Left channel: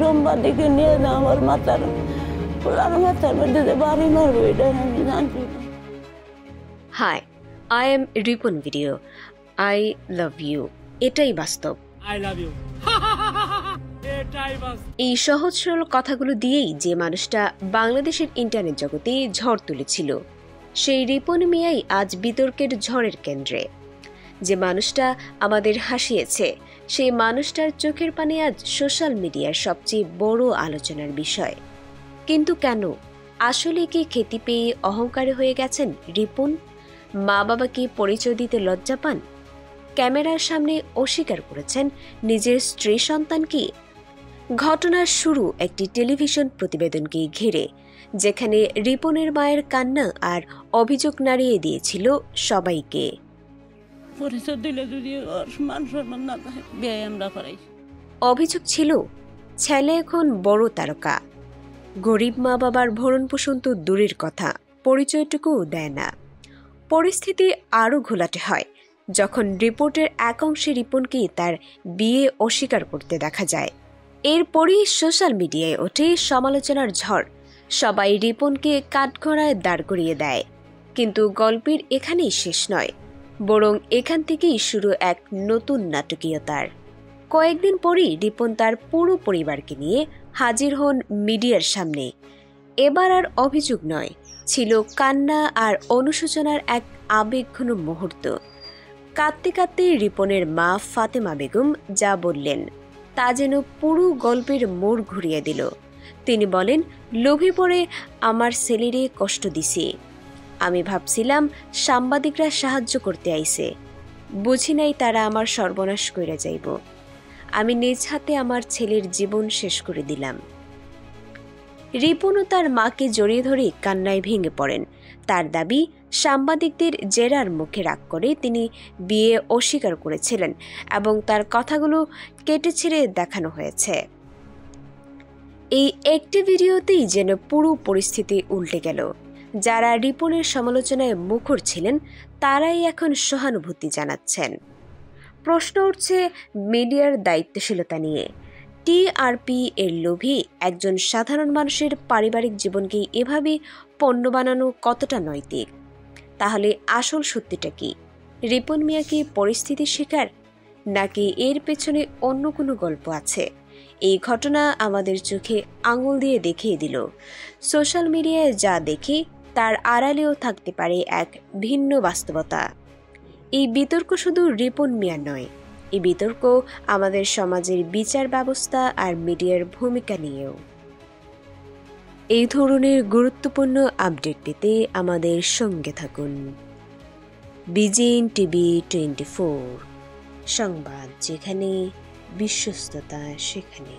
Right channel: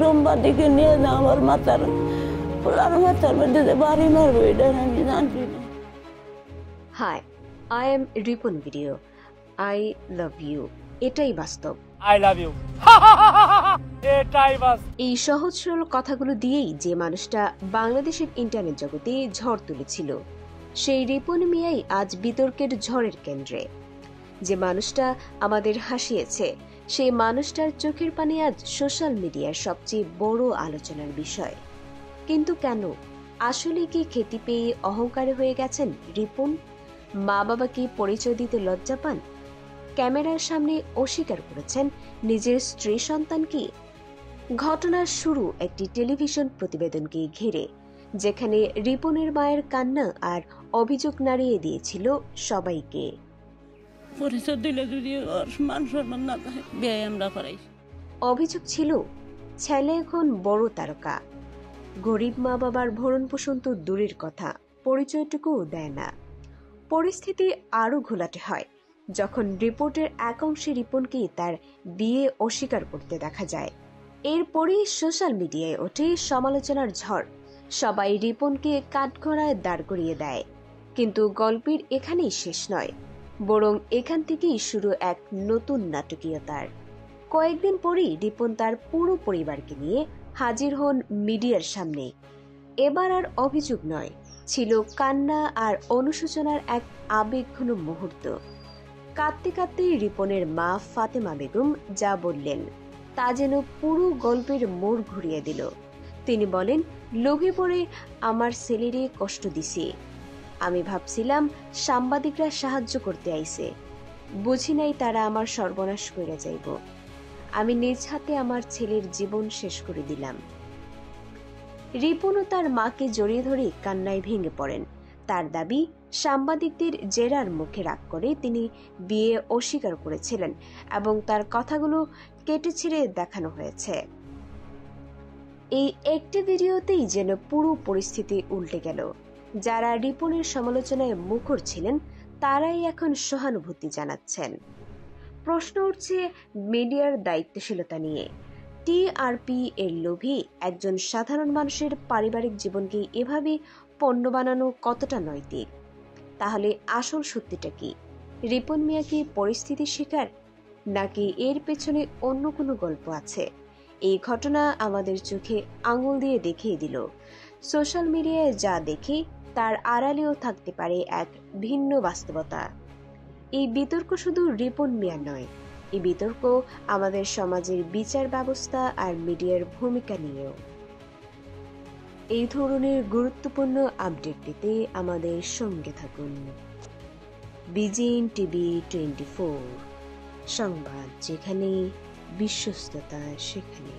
সাংবাদিকে নিয়ে না আমার মাথার মধ্যে বাড়ি মারবো এটা আমি জানছি না। Hi, I am Ripon video. I love you, এটাই বাস্তব। আই লাভ ইউ, এটাই বাস্তব। এই সহজ সরল কথাগুলো দিয়েই যে মানুষটা বাংলাদেশের ইন্টারনেট জগতে ঝড় তুলেছিল, সেই রিপন মিয়াই আজ বিতর্কের ঝড়ের কেন্দ্রে। যে মানুষটা আমাদের হাসিয়েছে, সেই মানুষটার চোখের পানি আজ সোশ্যাল মিডিয়ার সবচেয়ে বড় আলোচনার বিষয়। কিন্তু কেন? আসলে কি খ্যাতি পেয়ে অহংকারী হয়ে গেছেন রিপন? মা বাবাকে পরিচয় দিতে লজ্জা পান? ক্যামেরার সামনে অস্বীকার করেছেন নিজের স্ত্রী সন্তানকে? ঘটনার শুরু একটি টেলিভিশন প্রতিবেদনকে ঘিরে, যেখানে রিপনের মায়ের কান্না আর অভিযোগ নাড়িয়ে দিয়েছিল সবাইকে। পরিচয় দিলে যদি মান সম্মান না থাকে বিয়ে আমরা করাই। অভিযোগ ছিল ছেলে এখন বড় তারকা, গরিব মা বাবার ভরণ পোষণ তো দূরের কথা, পরিচয়টুকুও দেয় না। পরিস্থিতি আরও ঘোলাটে হয় যখন রিপোর্টের এক অংশে রিপনকে তার বিয়ে অস্বীকার করতে দেখা যায়। এরপরই সোশ্যাল মিডিয়ায় ওঠে সমালোচনার ঝড়। সবাই রিপনকে কাঠগড়ায় দাঁড় করিয়ে দেয়। কিন্তু গল্পের এখানেই শেষ নয়, বরং এখান থেকেই শুরু এক নতুন নাটকীয়তার। কয়েকদিন পরই রিপন তার পুরো পরিবারকে নিয়ে হাজির হন মিডিয়ার সামনে। এবার আর অভিযোগ নয়, ছিল কান্না আর অনুশোচনার এক আবেগঘন মুহূর্ত। কাঁদতে কাঁদতে রিপনের মা ফাতেমা বেগম যা বললেন তা যেন পুরো গল্পের মোড় ঘুরিয়ে দিল। তিনি বলেন, লোভে পড়ে আমার ছেলেরে কষ্ট দিছি। আমি ভাবছিলাম সাংবাদিকরা সাহায্য করতে আইছে, বুঝি নাই তারা আমার সর্বনাশ করে যাইব। আমি নিজ হাতে আমার ছেলের জীবন শেষ করে দিলাম। রিপনও তার মাকে জড়িয়ে ধরে কান্নায় ভেঙে পড়েন। তার দাবি, সাংবাদিকদের জেরার মুখে রাগ করে তিনি বিয়ে অস্বীকার করেছিলেন এবং তার কথাগুলো কেটে ছেড়ে দেখানো হয়েছে। এই একটি ভিডিওতেই যেন পুরো পরিস্থিতি উল্টে গেল। যারা রিপনের সমালোচনায় মুখর ছিলেন তারাই এখন সহানুভূতি জানাচ্ছেন। প্রশ্ন উঠছে মিডিয়ার দায়িত্বশীলতা নিয়ে। টিআরপি এর লোভে একজন সাধারণ মানুষের পারিবারিক জীবনকে এভাবে পণ্য বানানো কতটা নৈতিক? তাহলে আসল সত্যিটা কি? রিপন মিয়া কি পরিস্থিতির শিকার, নাকি এর পেছনে অন্য কোনো গল্প আছে? এই ঘটনা আমাদের চোখে আঙুল দিয়ে দেখিয়ে দিল, সোশ্যাল মিডিয়ায় যা দেখি তার আড়ালেও থাকতে পারে এক ভিন্ন বাস্তবতা। এই বিতর্ক শুধু রিপন মিয়া নয়, এই বিতর্ক আমাদের সমাজের বিচার ব্যবস্থা আর মিডিয়ার ভূমিকা নিয়েও। এই ধরনের গুরুত্বপূর্ণ আপডেট পেতে আমাদের সঙ্গে থাকুন। বিজিএন টিভি 24, সংবাদ যেখানে, বিশ্বস্ততা সেখানে।